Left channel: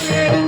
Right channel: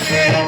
Yeah.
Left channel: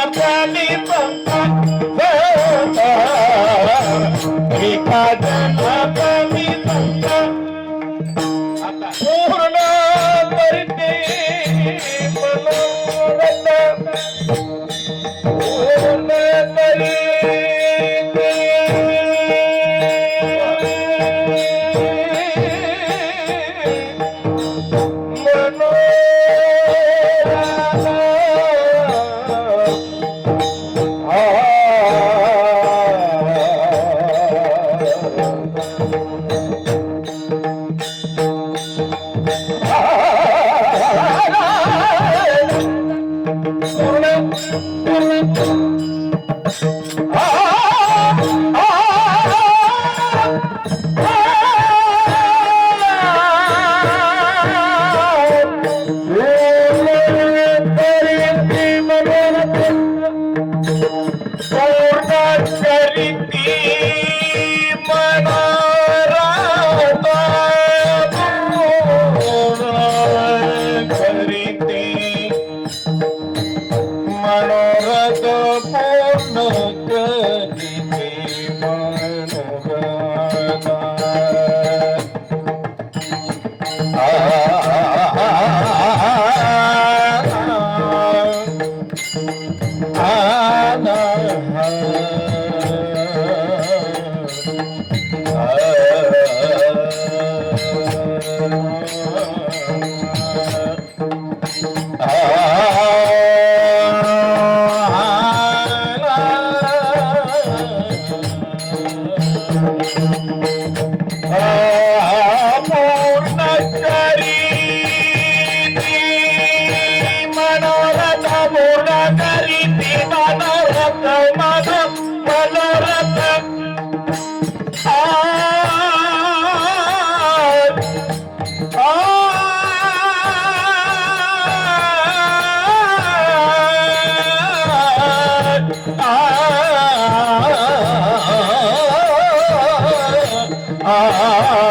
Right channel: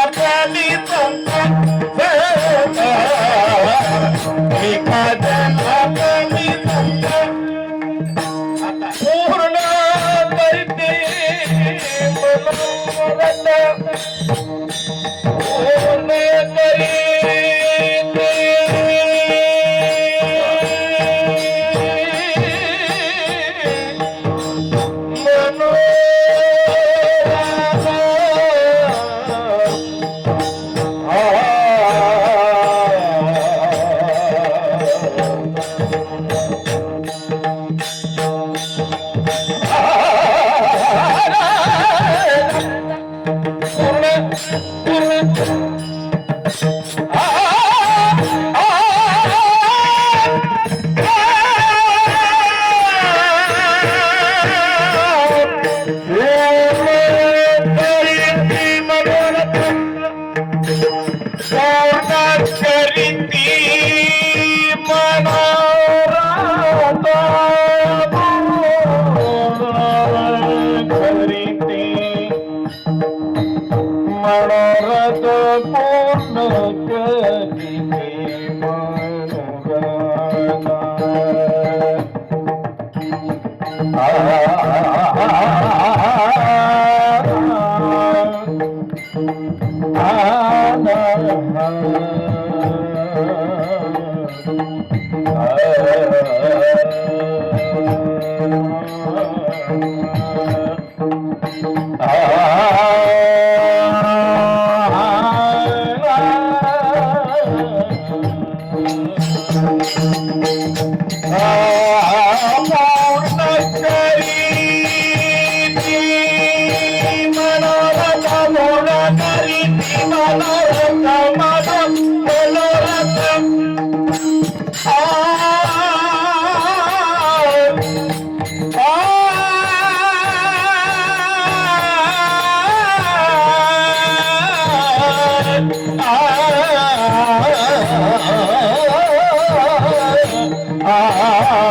Ah Ah!